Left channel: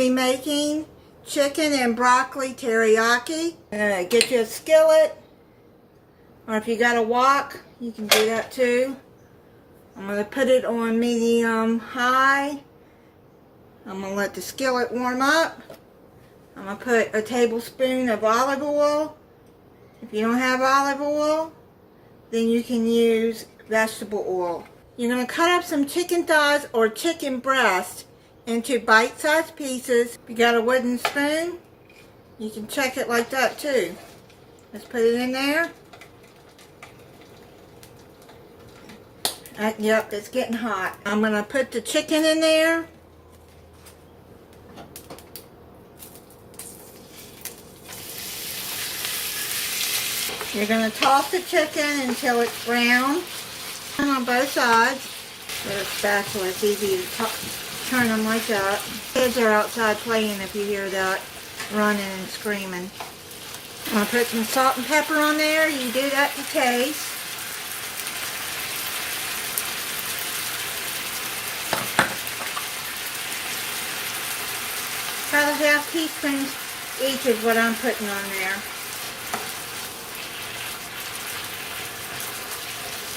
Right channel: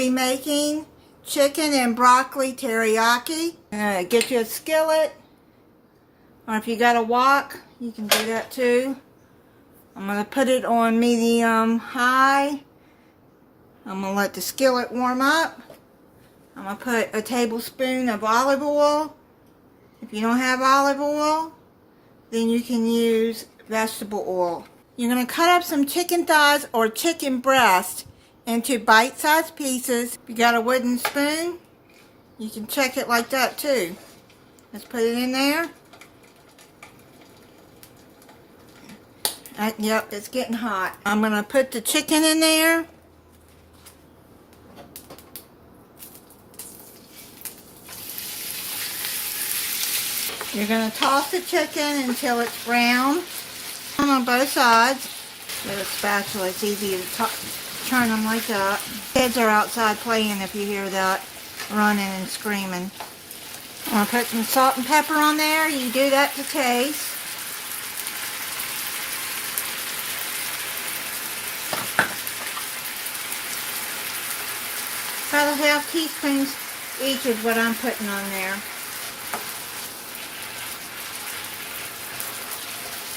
be making chicken and broccoli teriyaki. Get you a skillet, or if you got a wok, you can do that too. I'm going to put it on medium high. I'm going to let the skillet warm up. I'm going to put a tablespoon of olive oil. If you don't have olive oil, then you can use vegetable oil. You're going to cut up some chicken thighs or chicken breast into bite-sized pieces. If you got a wooden spoon, you can check it like that too. Let's put it in there. Yep, it's getting hot. I'm going to put the chicken in there. You're going to toss the chicken until it's brown on both sides. With a spatula, it's easy to turn them like that. Kids are outside playing if you hear that, running and screaming. I'm going to put some salt and pepper on there. You do that to taste. About a half teaspoon each is what I'm putting on there.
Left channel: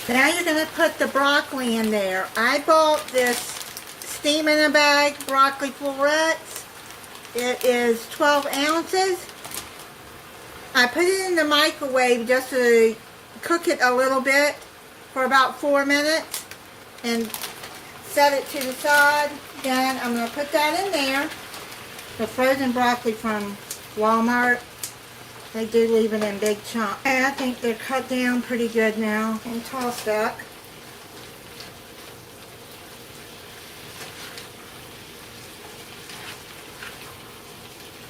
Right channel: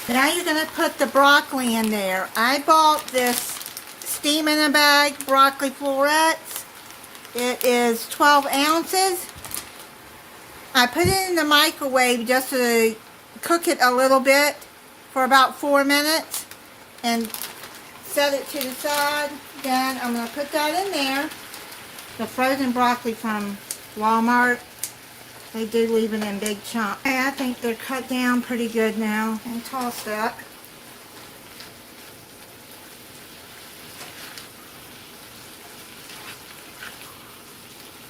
Now you're going to put the broccoli in there. I bought this steam in a bag broccoli florets. It is 12 ounces. I put it in the microwave just to cook it a little bit for about 4 minutes and set it to the side. Then I'm going to put that in there. The frozen broccoli from Walmart. They do leave it in big chunks. I think they're cut down pretty good now and tossed up.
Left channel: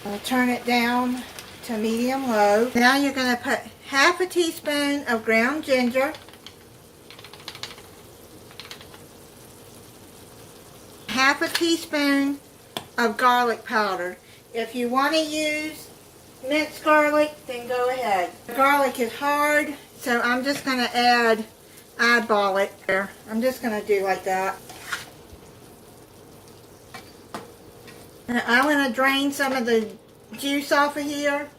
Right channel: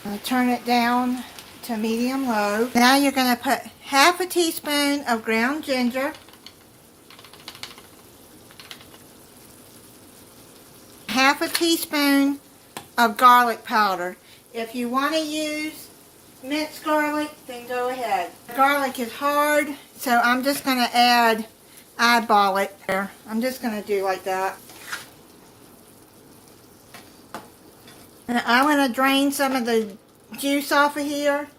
I'm going to turn it down to medium low. Now you're going to put half a teaspoon of ground ginger, half a teaspoon of garlic powder. If you want to use minced garlic, then go ahead. Garlic is hard, so I'm just going to eyeball it there. I'm just going to do like that. And I want to drain some of the juice off of here.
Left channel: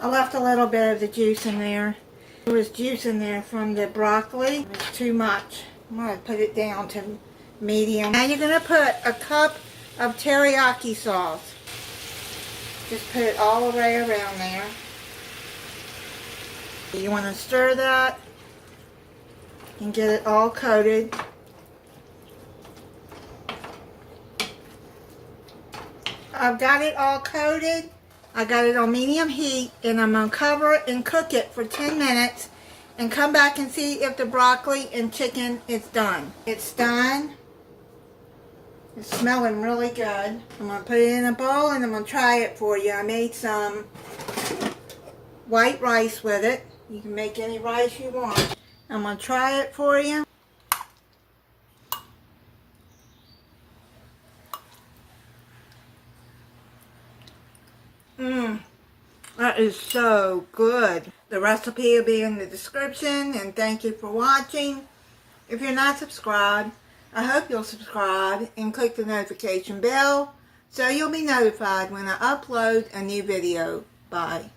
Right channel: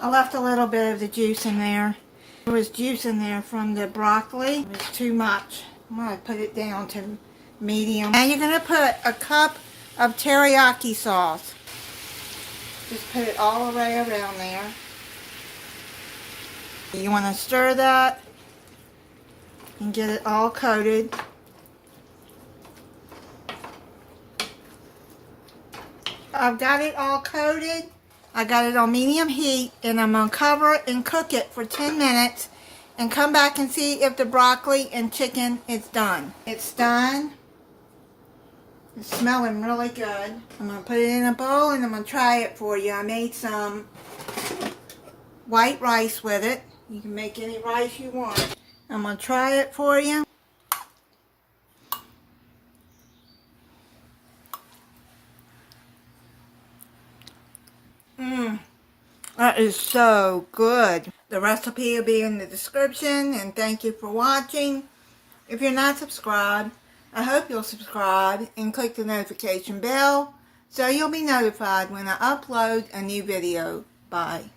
I left a little bit of the juice in there. There was juice in there from the broccoli. It was too much. I'm going to put it down to medium. Now you're going to put a cup of teriyaki sauce. Just put it all the way around there. You want to stir that and get it all coated. I've got it all coated. I got it on medium heat, and I'm going to cover it and cook it for 10 minutes and come back and see if the broccoli and chicken is done. It's done. It's smelling really good. I'm going to put it in a bowl and I'm going to try it for you. I made some white rice with it. You can make any rice you want. I'm going to try it for you. That is so good. The recipe will be in the description, and thank you for watching. If you're not subscribed, I hope you'll subscribe and click the notification bell so you'll be notified when I upload a new video. Bye.